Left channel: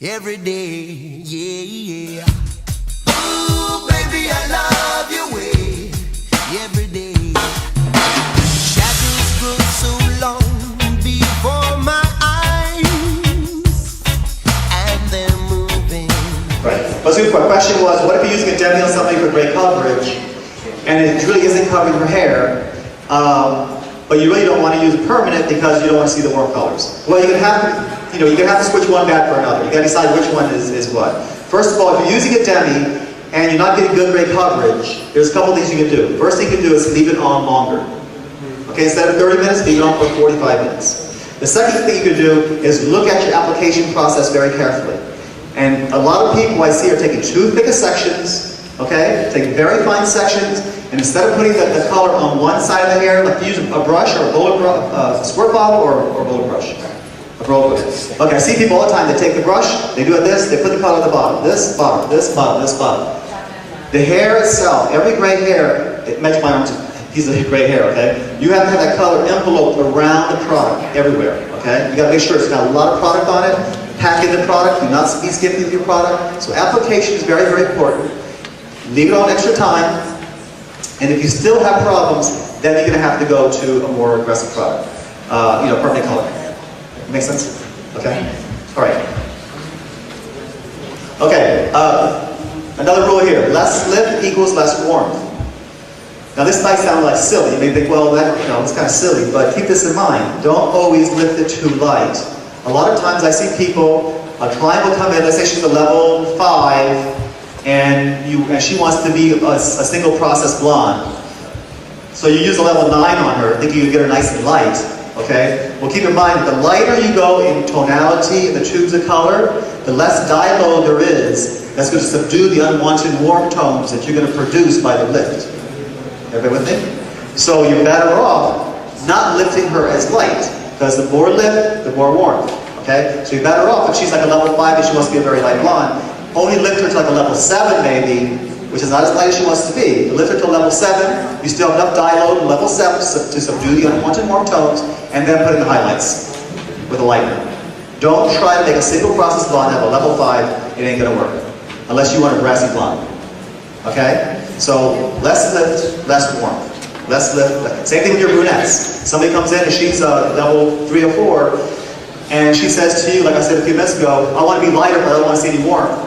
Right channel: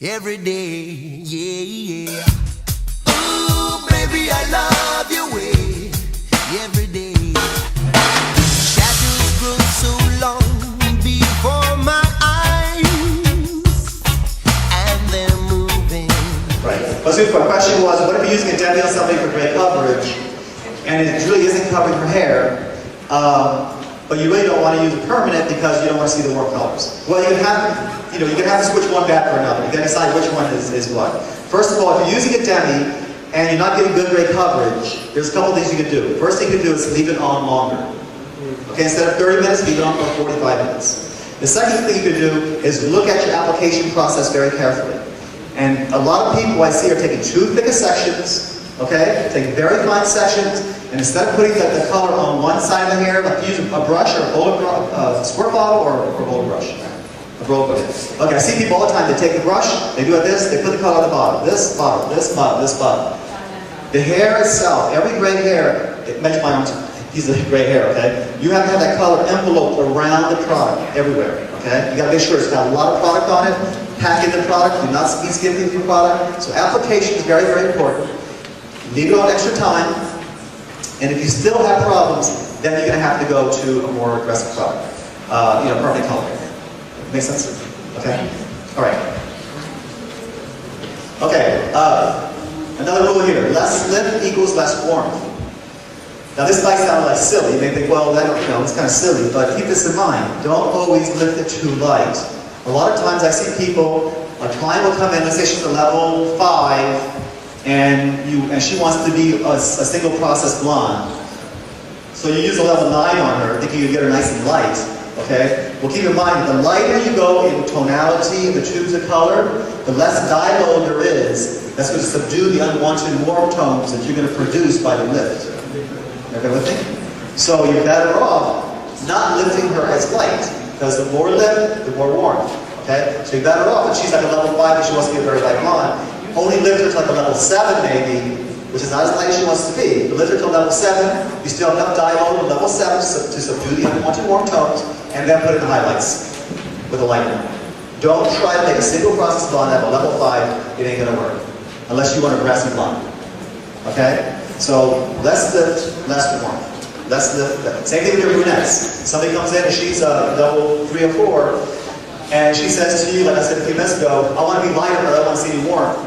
every day, yeah. Ooh, baby, I love your way every day. Shadows grow so long before my eyes, and they're moving. Right. But the question was, what if you're using a demi on somebody for great coverage, and it really isn't covering her hair, but you really don't want to use it permanent because you don't want to see the warm colors? Well, you can have to switch one back for another. You got to decide which one is what. First of all, if you're using a demi and you're not getting good gray coverage, there's a couple things you can do. First thing you can do is leave it on longer. Okay, instead of 30 minutes, leave it on for 45 minutes. The second thing you can do is look at your application process very carefully. And a lot of people I see are taking too thick of sections, okay? Taking very fine sections, and instead of putting the color on one side of the hair, like use a brush or a roller squirt bottle or a roller brush. A roller brush. Okay, I see people all the time, they take the brush, they do it this, they put the color on the bottom. This, bottom, this, bottom, this, bottom. The hair itself, every gray hair, it mentions my arms, piece of gray hair, okay? You have to have that color enveloped around the product, everywhere, okay? You gotta make sure it's got a lot of product on it. Pack in the product, do not be skimpy with your product. So application is very, very important. Leave it on extra time. And if you still have problems, then you're gonna have to go to a more aggressive product. Permanent color. Make sense? Okay? All right. Okay, another rule here. Less lift equals less warmth. Now this might sound like silly. You may think, well, it's kind of silly, but keep this in mind. Don't always lift it too light. A lot of times I see people, a client will come in, let's say she's a level 5, and she wants to be a single process blonde. So you use a level 9 on her, thinking you get her nice and light, okay? Well, keep in mind, the lighter you go in tonality, in the tubes of color, the less dye load there is that's going to subdue the unwanted warm tones that you're going to produce by the lift. Everybody with me? So you're better off not lifting her as light. Because the more lift, the more warmth, okay? So you're better off if she's like a level 5 and she wants to be a very light blonde. Only lift her to like a level 7 maybe, which is not as light as she wants to be. But lift her to level 7, you still have enough dye load in level 7 to subdue the unwanted warm tones, and then put in the highlights with a lighter. Don't try to make a single process blonde at a level 5, it ain't gonna work. Unless you want a brassy blonde, okay? So less lift, less warmth. Less lift. Same thing with your brunettes. Somebody comes in and she's level 3 or 4, and she says to you, like I said a few minutes ago, I want to be lighter, but I don't want to see any warmth.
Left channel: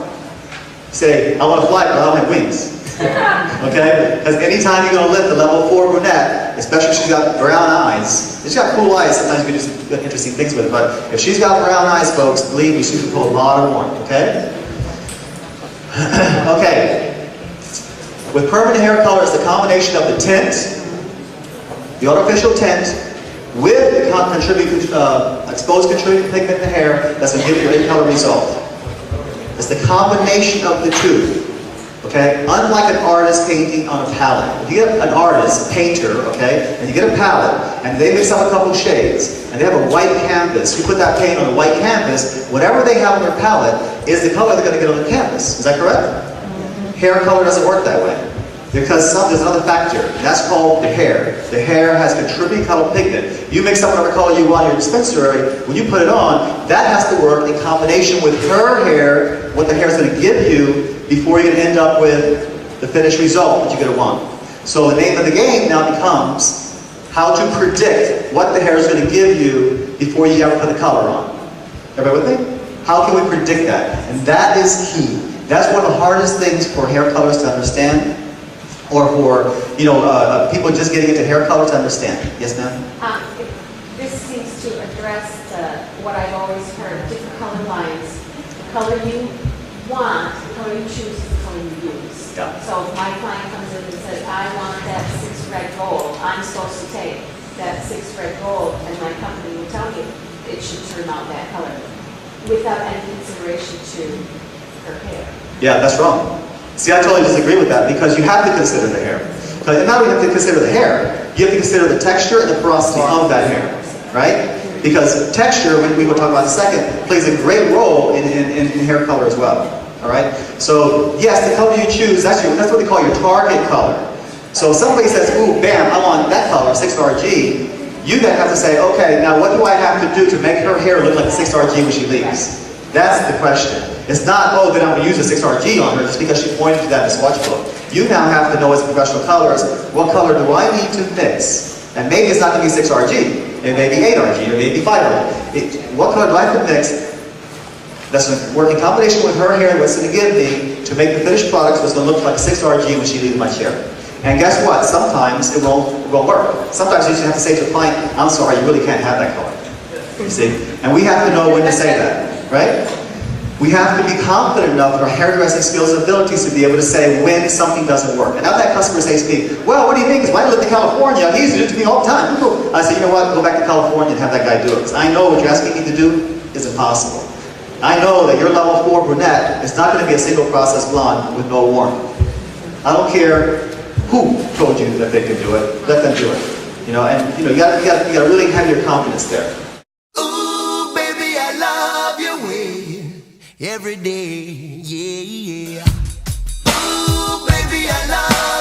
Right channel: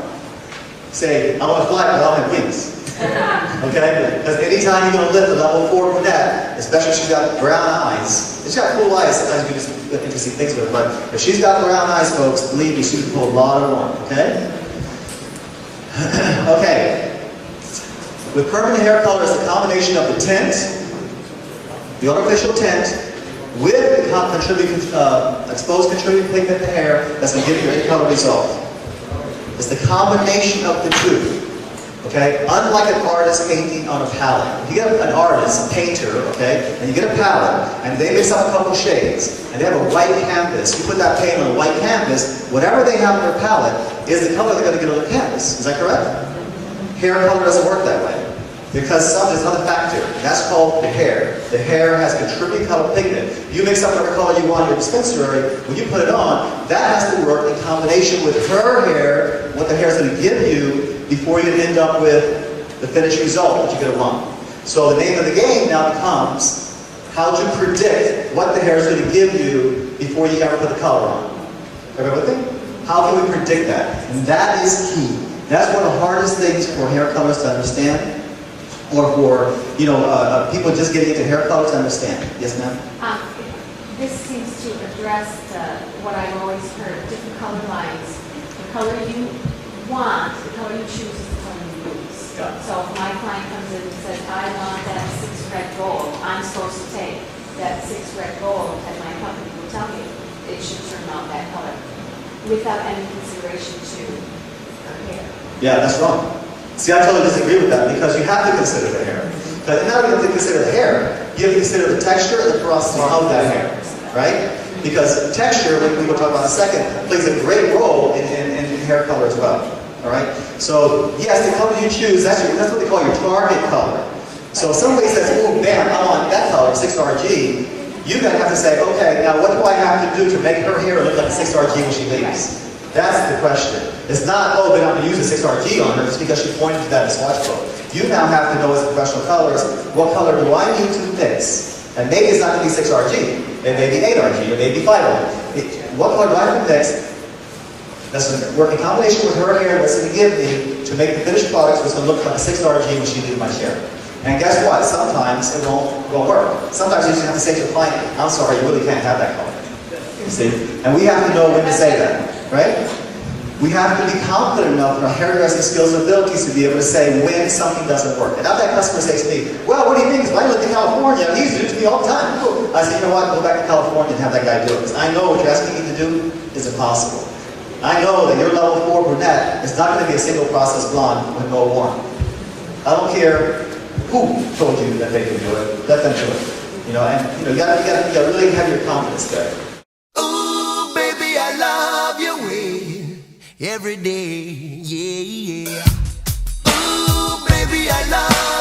Say, I want to fly, but I don't have wings. Okay? Because anytime you're going to lift a level 4 brunette, especially if she's got brown eyes, if she's got cool eyes, sometimes you can do some interesting things with it, but if she's got brown eyes, folks, believe me, she can pull a lot of warmth, okay? Okay. With permanent hair color, it's the combination of the tint, the artificial tint, with the exposed contributing pigment in the hair that's going to give you a color result. It's the combination of the two. Okay? Unlike an artist painting on a palette. If you get an artist, painter, okay, and you get a palette, and they mix up a couple shades, and they have a white canvas, you put that paint on a white canvas, whatever they have on their palette is the color they're going to get on the canvas. Is that correct? Hair color doesn't work that way. Because there's another factor. That's called the hair. The hair has contributing color pigment. You mix up whatever color you want in your dispensary, when you put it on, that has to work in combination with her hair, what the hair is going to give you, before you can end up with the finished result that you're going to want. So the name of the game now becomes how to predict what the hair is going to give you before you ever put the color on. Everybody with me? How can we predict that? And that is key. That's one of the hardest things for hair colors to understand. Or for, people just getting into hair color to understand. Yes, ma'am? This seems to address what I've always heard, different color lines. The color you want, the color you choose is the color you use. Yeah. So if my client comes in and says, I want that 6 red gold, I'm supposed to take that 6 red gold, and my company will tell me it should turn out that color without any consideration to her hair. Yeah, that's wrong. See, I totally disagree with that because you have to consider the hair. But not only have to consider the hair, you have to consider the texture and the porosity of that hair, right? Because texture, which we will talk about in a second, plays a great role in hair color as well. All right. So yes, the color you choose, that's what they call your target color. So if somebody says, "Ooh, bam, I want that color, 6RG," you then have to say, "Okay, now what do I have to do to make her hair look like a 6RG when she leaves?" That's the question. It's not, oh, then I'm going to use a 6RG on her just because she pointed to that in the swatch book. You now have to know as a professional colorist, what color do I need to mix? And maybe it's not going to be 6RG. It may be 8RG, it may be 5RG. What color do I have to mix that's going to work in combination with her hair, what's going to give me to make the finished product so it's going to look like a 6RG when she leaves my chair. And guess what? Sometimes it won't work. Sometimes you just have to say to the client, I'm sorry, you really can't have that color. You see? And we have to know when to say that, right? We have to be confident enough in our hairdressing skills and abilities to be able to say when something doesn't work. And now that customer says to me, well, what do you think? Because I live in California, he used to do it to me all the time. I say, you know what? Go back to California and have that guy do it. Because I know what you're asking me to do is impossible. I know that your level 4 brunette is not going to be a single process blonde with no warmth. I don't care who told you that they could do it. Let them do it. You know, and you gotta really have your confidence there. Ooh, baby, I love your way every day. Yeah, yeah. Ooh, baby, I love